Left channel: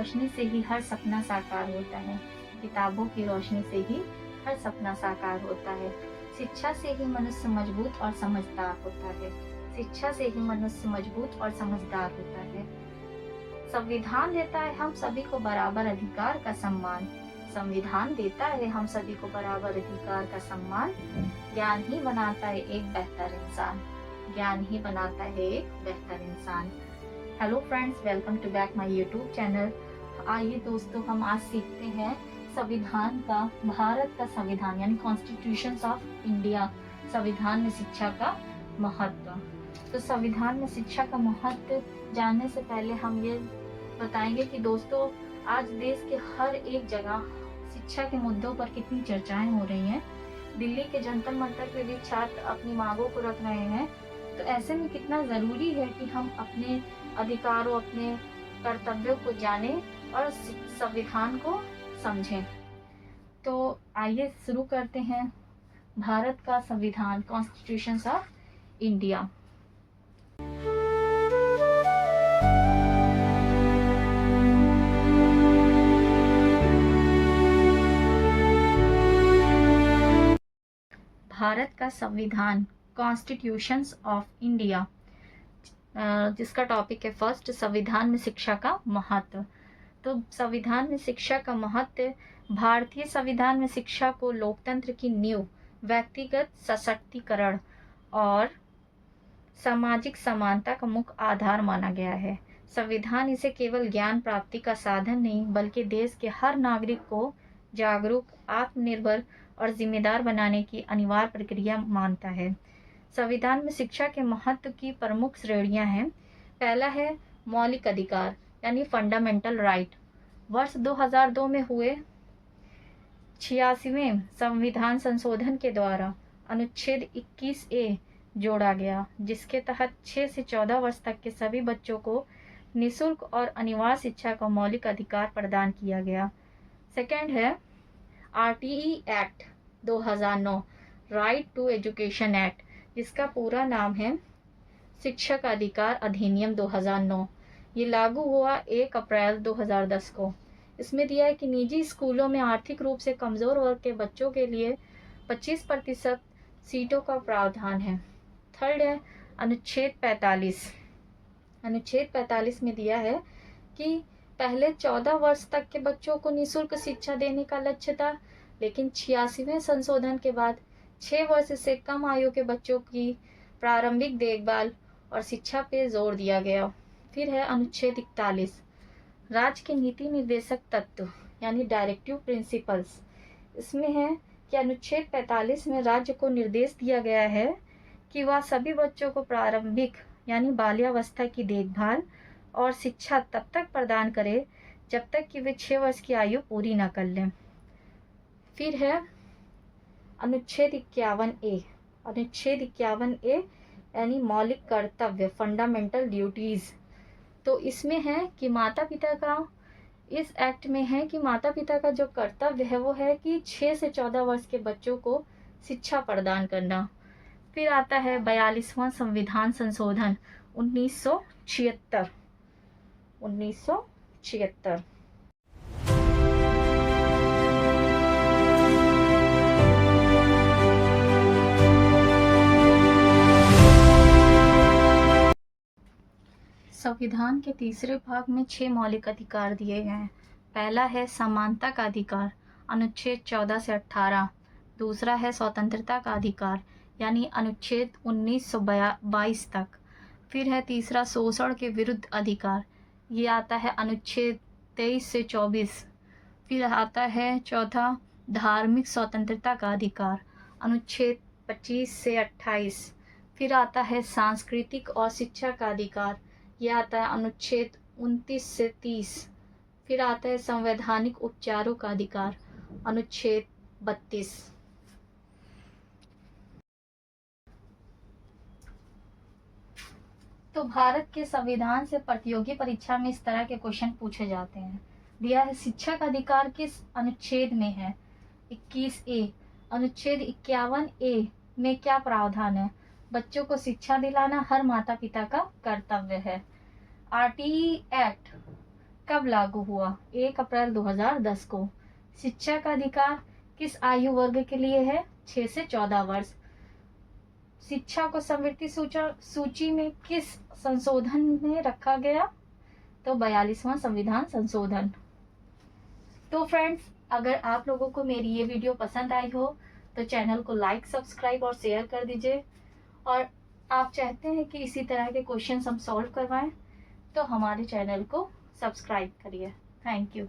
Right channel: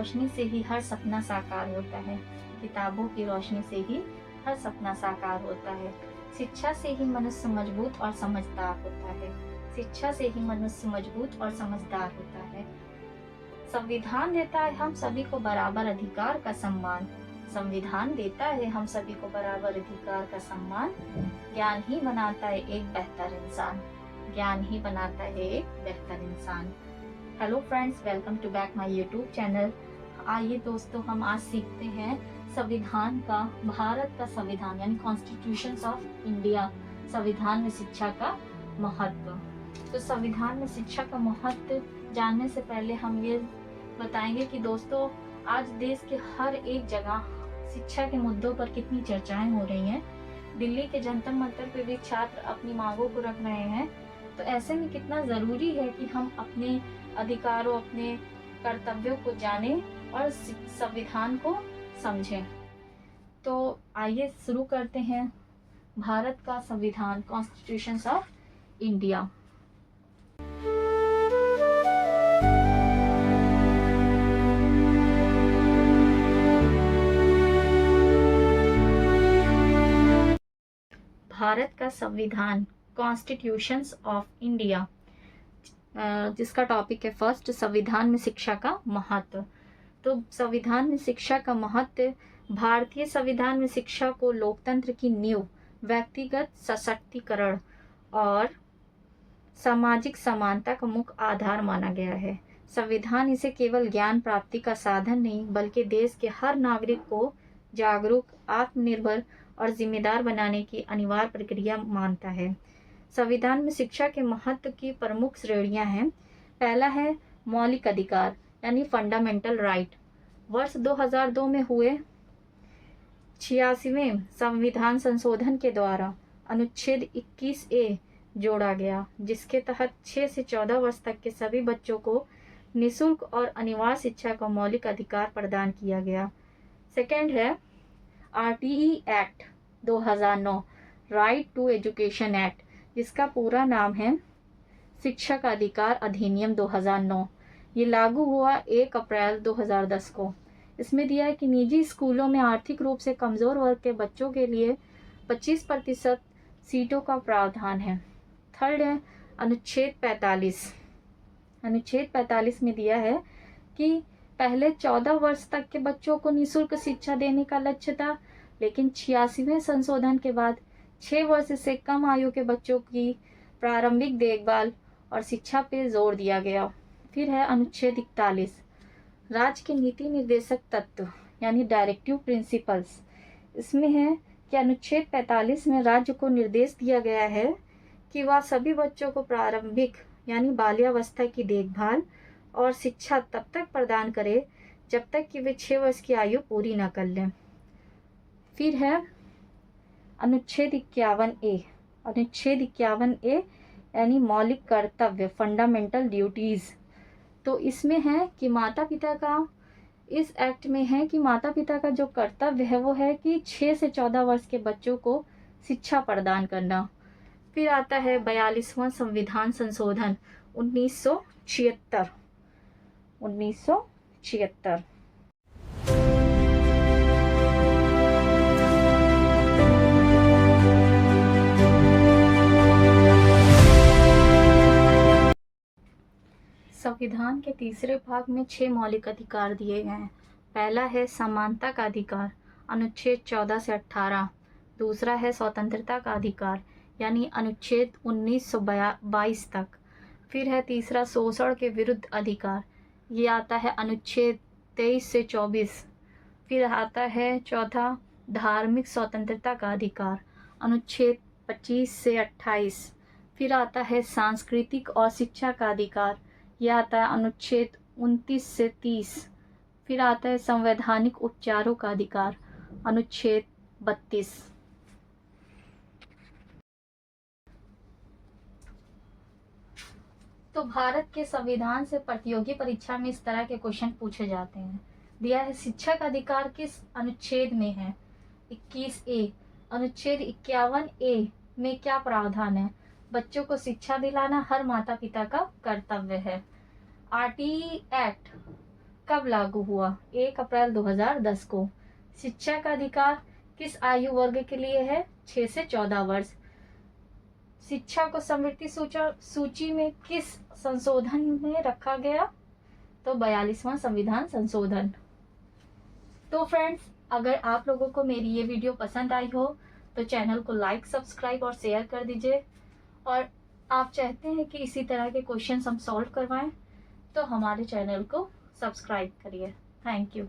रोशनी से ही हर सपना साकार होता है। किताबों की रोशनी से ही हर सपना साकार होता है। शिक्षा से ही मनुष्य मजबूत और समझदार होता है। शिक्षा से ही मनुष्य मजबूत और समझदार होता है। संविधान देता है हम सभी को बराबर अधिकार का सम्मान। संविधान देता है हम सभी को बराबर अधिकार का सम्मान। ज्ञान ही बनाता है एक बेहतर इंसान। ज्ञान ही बनाता है एक बेहतर इंसान। Hello friends, welcome to back my YouTube channel. आइए दोस्तों, हम आज सीखते हैं संविधान का, भारत का संविधान यानी कॉन्स्टिट्यूशंस ऑफ इंडिया, संविधान में शिक्षा का महत्व। तो संविधान में शिक्षा का महत्व जानने से पहले हम ये बताएंगे कि दोस्तों, आज देश के हर एक जगह शिक्षा के मुद्दों पर कितनी चर्चाएं हो रही हैं। दिल्ली के जंतर मंतर पे भी छात्र अपनी मांगों को रख रहे हैं। तो ऐसे में कितना ज़रूरी है कि हम अपने अधिकारों, अपने कर्तव्यों को जानें और संविधान को समझें। तो आइए शुरू करते हैं भारत का संविधान, कॉन्स्टिट्यूशंस ऑफ इंडिया। भारत का संविधान, कॉन्स्टिट्यूशंस ऑफ इंडिया, जिसका टॉपिक है फर्स्ट, संविधान में शिक्षा का महत्व। तो संविधान में शिक्षा का महत्व, भारतीय संविधान में शिक्षा को लोकतंत्र की नींव, व्यक्तिगत सशक्तिकरण और सामाजिक समानता का मुख्य आधार माना गया है। संविधान इसे केवल ज्ञान प्राप्ति का साधन नहीं, बल्कि देश के हर नागरिक को जागरूक, आत्मनिर्भर और जिम्मेदार बनाने की अनिवार्य प्रक्रिया मानता है। संविधान में शिक्षा के महत्व की प्रमुख श्रेणियां हैं। पहला है मौलिक अधिकार यानी फंडामेंटल राइट। वर्ष 2002 में हुए 86वें संविधान संशोधन के द्वारा अनुच्छेद 21A जोड़ा गया, जिसके तहत 6 से 14 वर्ष तक के सभी बच्चों को निःशुल्क और अनिवार्य शिक्षा का मौलिक अधिकार प्रदान किया गया। सेकंड है RTE act 2009, right to education act, जिसका पूरा नाम है शिक्षा का अधिकार अधिनियम 2009। ये लागू हुआ 1 अप्रैल 2010 को। इसमें दिया है कि निजी स्कूलों में आर्थिक रूप से कमजोर वर्ग के बच्चों के लिए 25% सीटों का प्रावधान है। थर्ड है अनुच्छेद 45। अनुच्छेद 45 में दिया है कि पहले 14 वर्ष तक के बच्चों को निःशुल्क शिक्षा देने का लक्ष्य था, लेकिन 86वें संशोधन के बाद 6 वर्ष से कम आयु के बच्चों की प्रारंभिक देखभाल और शिक्षा पे जोर दिया गया। फिर है अनुच्छेद 41, राज्य के नीति निर्देशक तत्व यानी डायरेक्टिव प्रिंसिपल्स। इसमें है कि अनुच्छेद 45 में राज्य को निर्देश दिया गया है कि वह सभी बच्चों को प्रारंभिक यानी बाल्यावस्था की देखभाल और शिक्षा तब तक प्रदान करे जब तक कि वे 6 वर्ष की आयु पूरी न कर लें। फिर है अनुच्छेद 51A। अनुच्छेद 51A यानी मौलिक कर्तव्य, फंडामेंटल ड्यूटीज। तो इसमें है कि माता पिता का, इस एक्ट में है कि माता पिता का जो कर्तव्य है वो है कि 6 से 14 वर्ष के बच्चों को शिक्षा प्रदान करना। फिर आता है 42वां संविधान संशोधन 1976। 1976 संविधान के तीसरे भाग में 6 मौलिक अधिकार दिए गए हैं। पहला है समानता का अधिकार, अनुच्छेद 14 से 18। दूसरा है स्वतंत्रता का अधिकार यानी अनुच्छेद 1922 तक। फिर है तीसरा शोषण के विरुद्ध अधिकार, ये आता है अनुच्छेद 23 से 24। फिर आता है चौथा धार्मिक स्वतंत्रता का अधिकार, अनुच्छेद 25 से 28। फिर आता है सांस्कृतिक और शिक्षा का अधिकार, यह आता है अनुच्छेद 29 से 30। फिर आता है संवैधानिक उपचारों का अधिकार, अनुच्छेद 32। तो भारत के संविधान से प्रतियोगी परीक्षा में इस तरह के क्वेश्चन पूछे जाते हैं। दिया है शिक्षा का अधिकार किस अनुच्छेद में है, 21A। अनुच्छेद 51A में क्या प्रावधान है, बच्चों को शिक्षा दिलाना हर माता पिता का कर्तव्य है। RTE एक्ट कब लागू हुआ? 1 अप्रैल 2010 को। शिक्षा का अधिकार किस आयु वर्ग के लिए है? 6 से 14 वर्ष। शिक्षा को समृद्धि सूची में किस संशोधन में रखा गया? तो 42वां संविधान संशोधन। तो फ्रेंड्स, अगर आप लोगों को मेरी ये वीडियो पसंद आई हो तो चैनल को लाइक, सब्सक्राइब और शेयर कर दीजिए। और आप चाहते हैं कि इसी तरह के क्वेश्चंस हम सॉल्व करवाएं तो हमारे चैनल को सब्सक्राइब करिए। Thank you.